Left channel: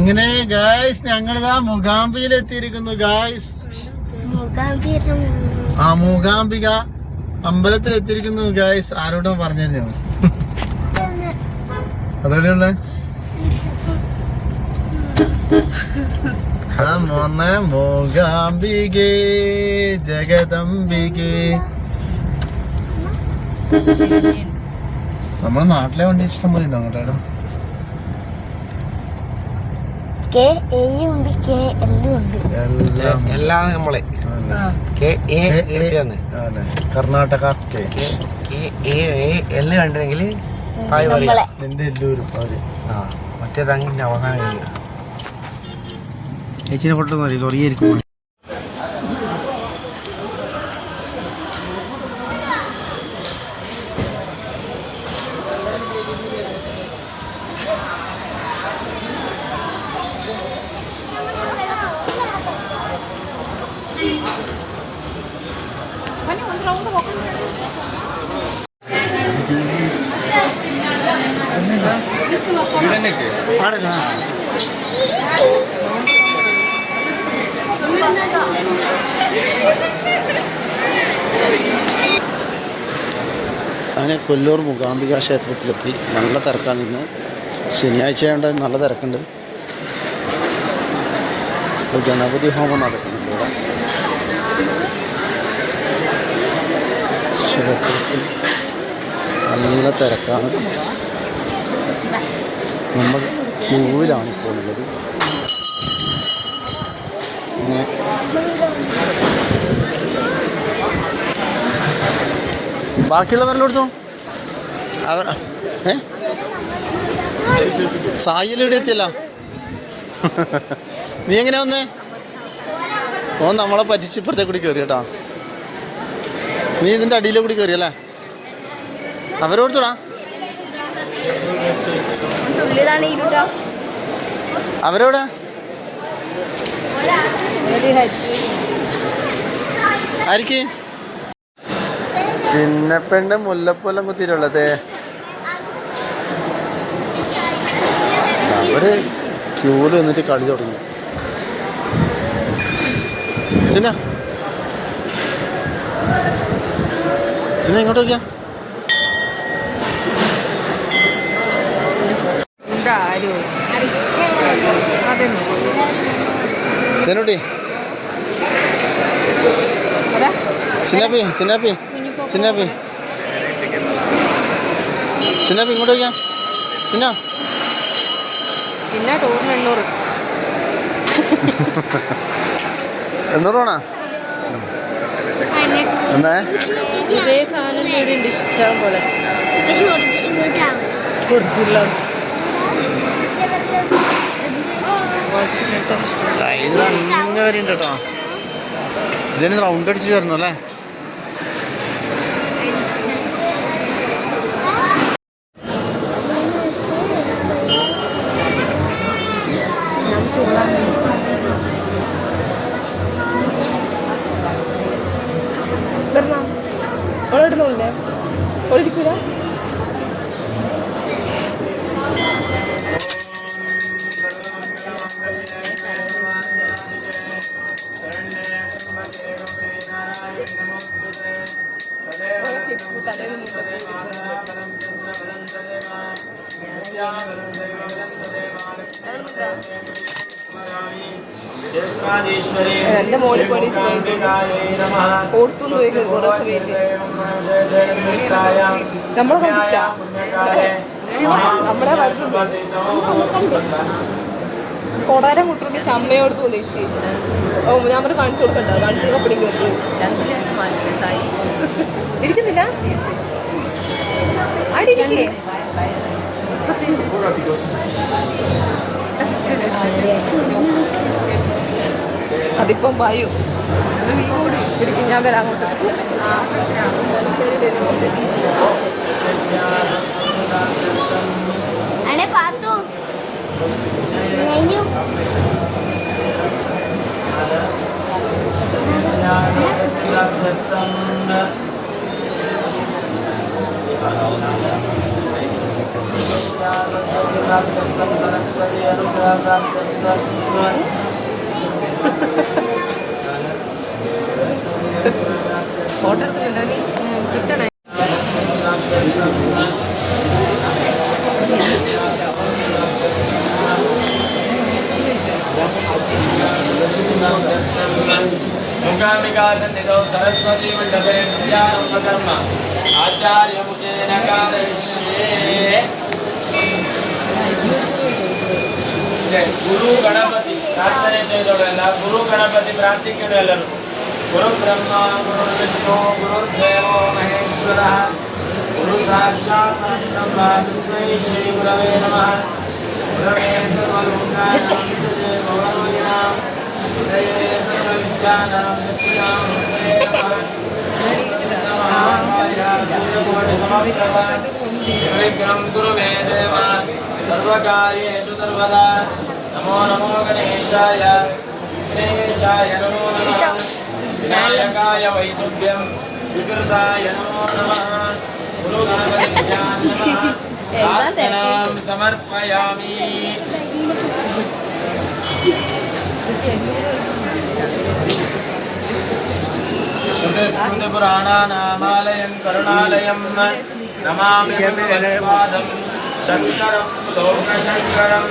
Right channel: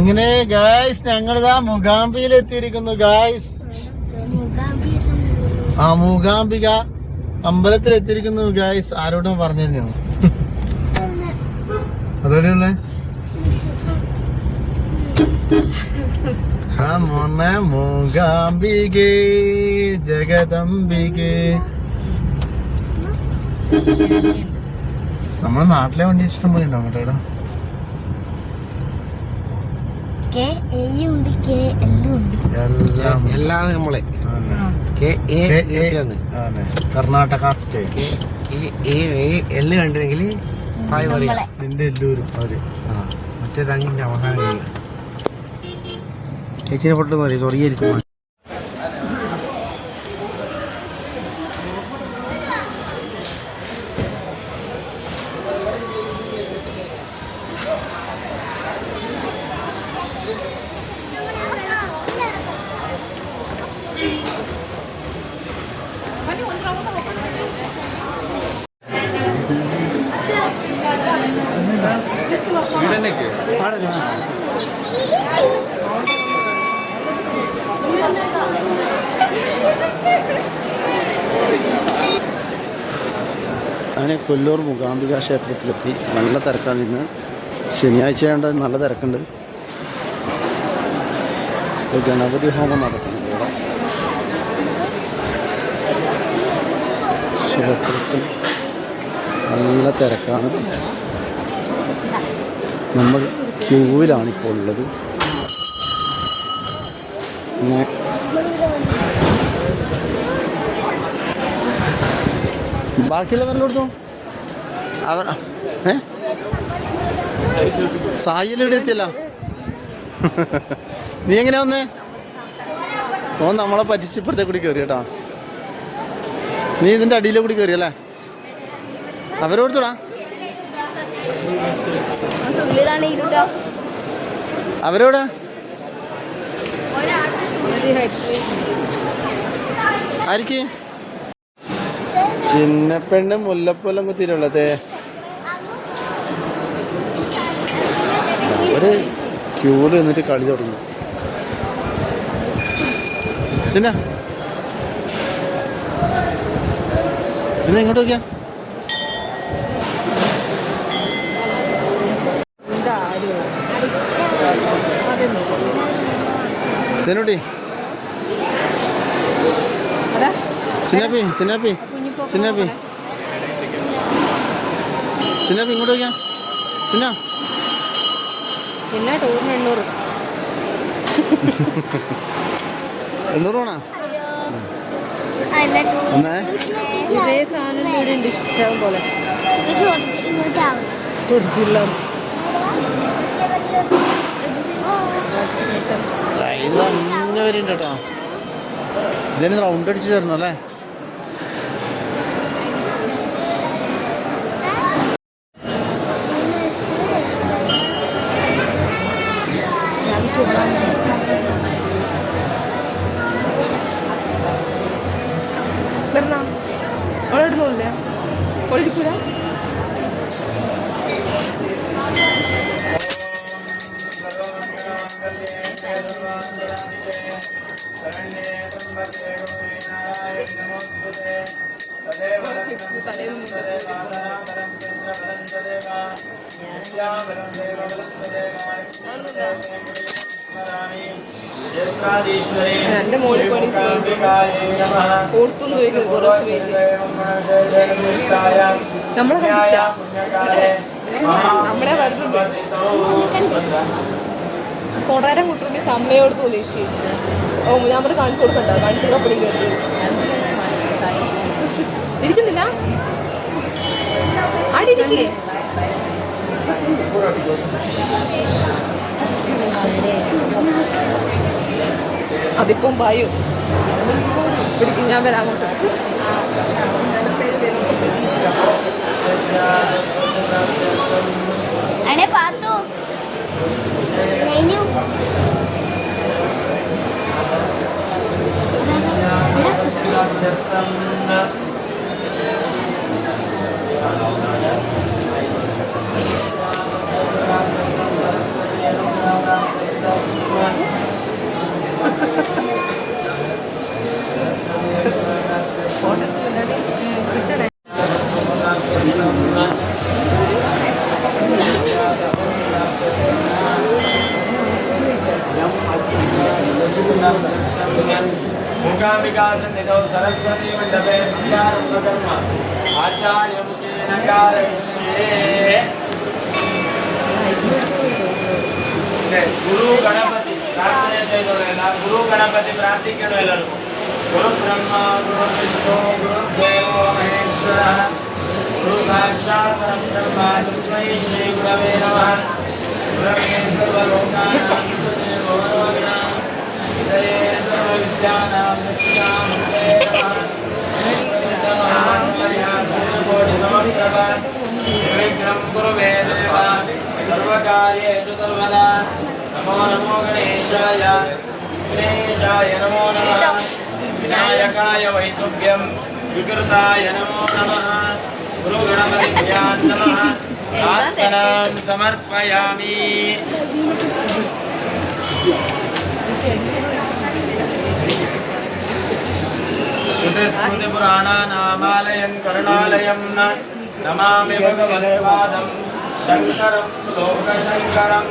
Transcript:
അങ്ങനെ ഗായ്സ് ഞങ്ങളിതാ മുഗാംബിയിൽ എത്തിയിരിക്കുന്നു ഗായ്സ് ആ മൂകാംബിക അമ്പലത്തിൽ എത്തിയിരിക്കുന്നു ഗായ്സ് ആരോടും പറഞ്ഞിരുന്നു. അതോടെയുള്ള? ആ മോനെ മൂകാംബികേ ജഗദംബികേ. നമ്മുടെ നാട്ടിലെ വണ്ടി ഇഷ്ടം പോലെ ഉണ്ടോ അങ്ങോട്ടേടാ. കെ എ ഉണ്ട് കെ എല്ലും ഉണ്ട്. എല്ലാം എല്ലാം നമ്മളെ. K A. Karnataka state. K A എല്ലാം കണ്ടിരുന്നെങ്കിൽ ഹായ് പറയാ. നിന്റെ എല്ലാവരും അവർ. ആ മറ്റേത് അങ്ങനെ അവസാനം കഴിയുക ചേച്ചിനെ പൊട്ടെന്ന് പറയും തുടങ്ങിയിരിക്കും അങ്ങനെ കൊല്ലൂർ മൂകാംബിക ക്ഷേത്രത്തിലെത്തി. നല്ല തിരക്കാണ് ഇന്ന്. ശനിയാഴ്ച ആയതുകൊണ്ട് നല്ല തിരക്കുണ്ട്. ഗണപതി ഹോമം നടക്കുന്നുണ്ട് ഇവിടെ. ക്ഷേത്രത്തിൽ നല്ല തിരക്കാണ്. നമ്മൾ ക്യൂവിലാണ് ഇപ്പോൾ ഉള്ളത് പിന്നെ ബാക്കിയുള്ളവരുടെ കൊടുത്തു അവർ സായിലെവിടെ എത്തിയല്ല. നീ എങ്ങനെ വന്നേ? ഓ നമ്മളെ പറ്റിച്ച് ഇപ്പുറത്തെ കൂടി കയറി കേട്ടാ. നീ ഇതിന്റെ അടിയിലെ കൂടി കയറിയല്ലേ അവരോടുത്തോടാ തുള്ളിയതാണ് ഇരുട്ടോ? അവരോടെ ആർക്ക് ചിന്നപ്പെണ്ണ് മുല്ലപ്പൊല്ലം കുത്തിയിട്ടുള്ളത്. അവർ ക്യൂൽ വന്നിട്ട് കളി തുടങ്ങി. ചിന്ന. ചിന്ന ഇങ്ങോട്ട് നോക്കിയാ ചെന്നുട്ടി സിനാപ്പി സിനാപ്പി സിനാപ്പി. സിനാപ്പി ഇങ്ങോട്ട് നോക്കിയാ സിന. പിന്നെ ടൂറിന് എണ്ണൂറ്. എണ്ണൂറ് വേണോ എന്നേ? ഇതേ സാധനം ഇഷ്ടം പോലെ. കുറിച്ചില്ല. ഇത് അങ്ങനെ വരുന്നുണ്ട് കേട്ടോ. ഇതിന് റൗണ്ട് അടിച്ച് തരണം അല്ലേ? വരണം ഓളിടുന്നില്ലേ എന്റെ മോളിൽ പണി ഓർത്തുന്നു വരും കുറെ നമ്മളെ കണ്ടില്ല നമ്മളെ വരുന്നുണ്ട്. കൊടാരം കുട്ടിയുടെ ചമ്മയോട് തോന്നി ഓ ഞാൻ പറഞ്ഞു കാണിച്ചു കൊടുക്കണ്ട. കാണിച്ചു കപ്പടി കേട്ടു ഇരിക്കുന്നില്ല? അതിപ്പം പായു. ഞാൻ വരാം അങ്ങോട്ട്. Thank you. आचार्यमुखेन कारयिष्ये ಗುರು ಗಣಪತಿ ಪ್ರಾರ್ಥನೆ ಚೈದವರೆಲ್ಲ ಗುರು ಗಣಪತಿ ಪ್ರಾರ್ಥಿಕೆಡು ಎಲ್ಲರೂ ಗುರು ಬ್ರಹ್ಮ ಗುರು ವಿಷ್ಣು ಗುರು ದೇವ ಮಹೇಶ್ವರ ಗುರು ಸಾಕ್ಷಾತ್ ಪರಬ್ರಹ್ಮ ತಸ್ಮೈ ಶ್ರೀ ಗುರವೇ ನಮಃ ಗುರವೇ ಸರ್ವ निर्विघ्नं कुरु मे देव सर्वकार्येषु सर्वदा नमो नमो गणेशाय गणेशाय नमो नमः विनायकाय वैतुभ्यं विकृताय नमो नमः गुरुगणपतिभ्यां नमः प्रार्थनां समर्पयामि श्रुतिस्मृतिपुराणानामालयं करुणालयं नमामि भगवत्पादं शङ्करं लोकशङ्करम्